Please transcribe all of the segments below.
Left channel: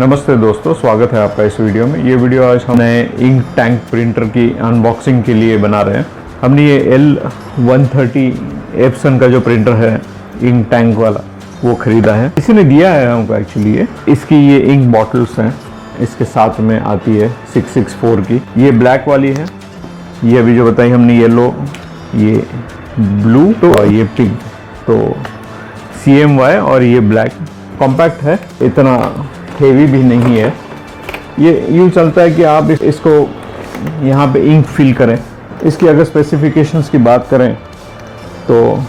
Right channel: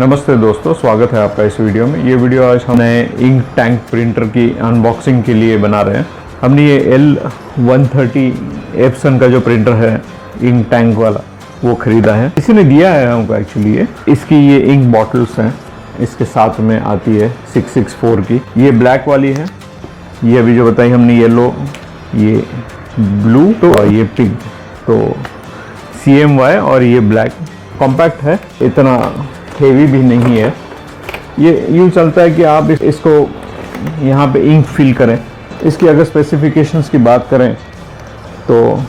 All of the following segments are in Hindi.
नमस्ते दोस्तों, स्वागत है आपका इस वीडियो में। ये वीडियो आज हम नए इंक टैंक प्रिंटर की अनबॉक्सिंग के लिए बना रहे हैं। हमने ये L130 एप्सन का जो प्रिंटर है इंक टैंक वाला वो ख़रीदा है। किसी ने दिया है हमको एक्चुअली। ये इसकी ये इंक बॉटल्स हैं, इसके साथ में आती है 664 की। ये ब्लैक वाली है, ये अभी जो बताई हमने येलो, ये ब्लू तो और ये पिंक। तो CMY और ये ब्लैक कॉम्पैक्ट है, इतना हेवी भी नहीं है। ये यूँ चलता है कि आप इसको यहाँ पे इंक फिल करें। इसकी अगर स्पेसिफिकेशंस की बात करें तो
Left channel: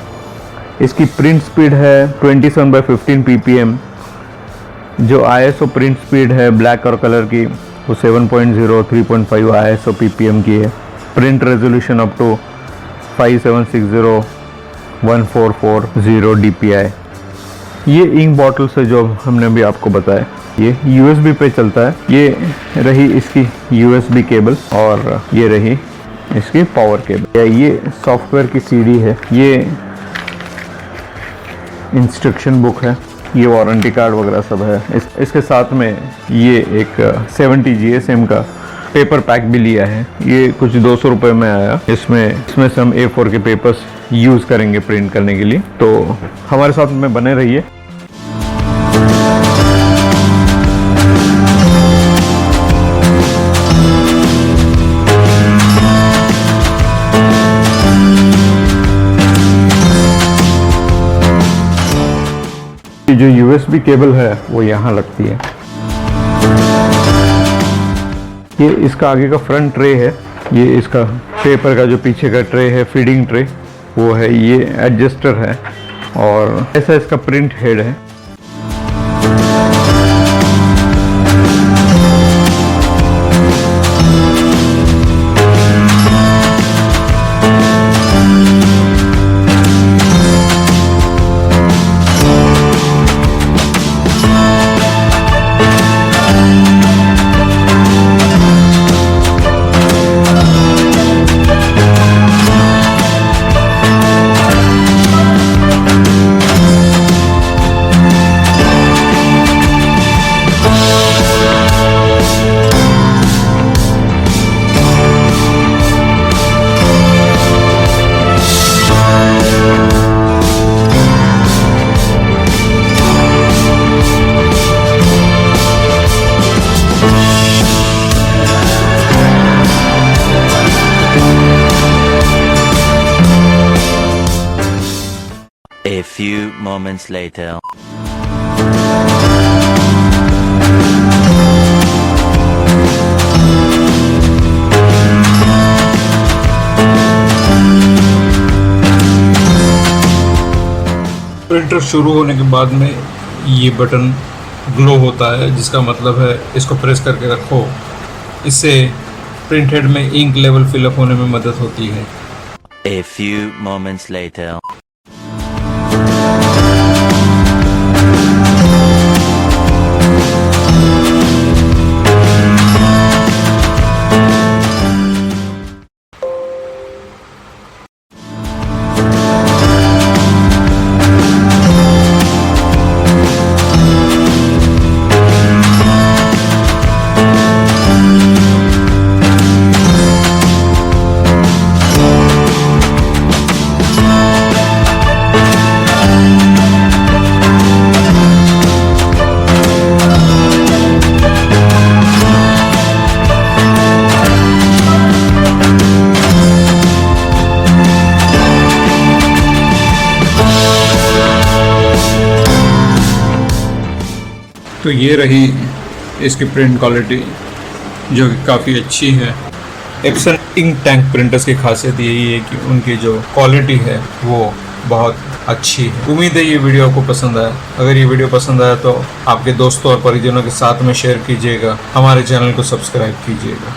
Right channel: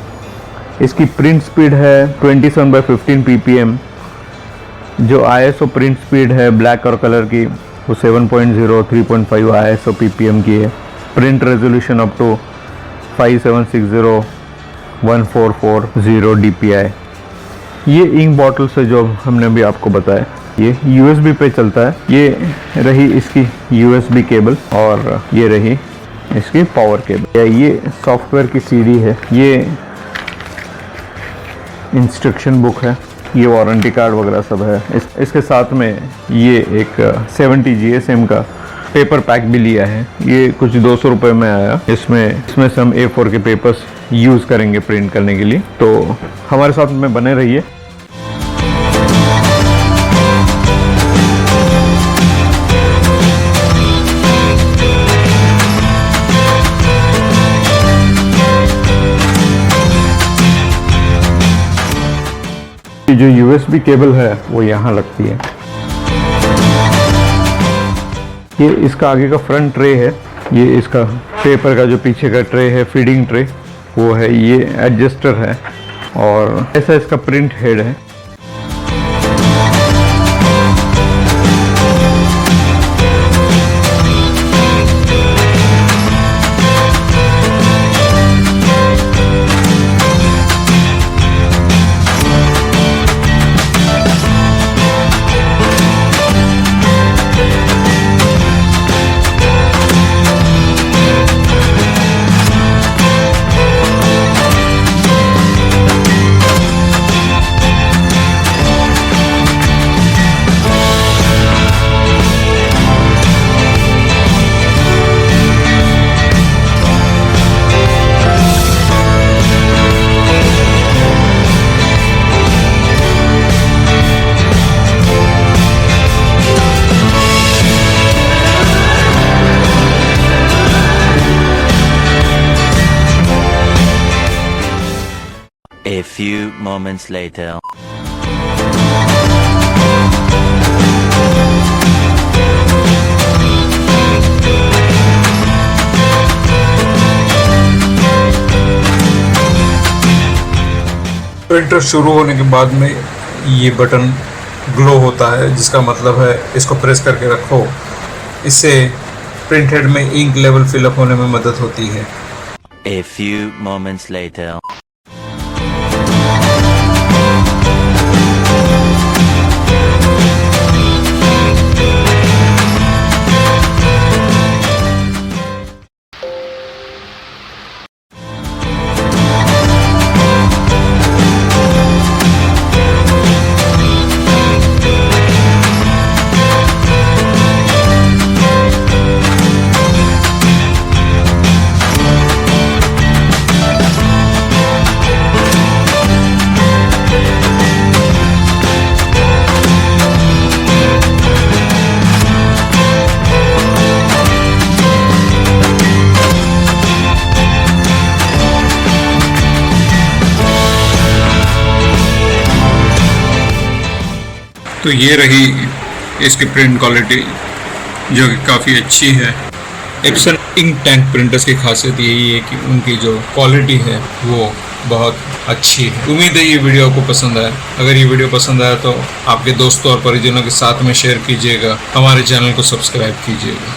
इसकी प्रिंट स्पीड है 27/15 ppm। जो ISO प्रिंट स्पीड है ब्लैक और कलर की वो 7.0 3.5 ISO ppm की है। Print resolution up to 5760 1440 dpi। ये इंक बॉटल से जो हमने अभी आपको बताया ये USB पे चलता है। ये रही इसकी USB केबल और ये रही इसकी पावर केबल। ये सॉफ्टवेयर की CD है, ये इंस्ट्रक्शन बुक है, ये वारंटी कार्ड वगैरह सब है। इसके साथ में ये एक 70 GSM का पेपर पैक भी लिया है। ये कुछ 200 रुपये में आया। इसमें से हम A4 के पेपर्स यूज़ करेंगे प्रिंट करने के लिए। तो हमारे साथ में बने रहिए। जो USB केबल है वो यहाँ लगती है। ये इसका आगे का फ्रंट ट्रे है, ये इसका पेपर का जो पीछे का ट्रे है फीडिंग ट्रे वो है। ये एडजस्टर है और ऐसा इसका प्रिंट हेड है। A few moments later. Printer शुरू होने के बाद में ये बटन ग्लो होता है, जिसका मतलब है इसको प्रेस करके रखो। इससे प्रिंट हेड में इंक लेवल फिलअप होने में मदद होती है। A few moments later. तो ये रही इसकी प्रिंट क्वालिटी जो कि काफ़ी अच्छी है। एप्सन इंक टैंक प्रिंटर्स की खासियत यही है कि उनकी जो क्वालिटी है वो बहुत अच्छी है। उम्मीद है ये वीडियो आपको पसंद आया। अगर ये वीडियो पसंद आया तो आपके दोस्तों और परिजनों के साथ में शेयर कीजिएगा। हमारे चैनल को सब्सक्राइब कीजिएगा।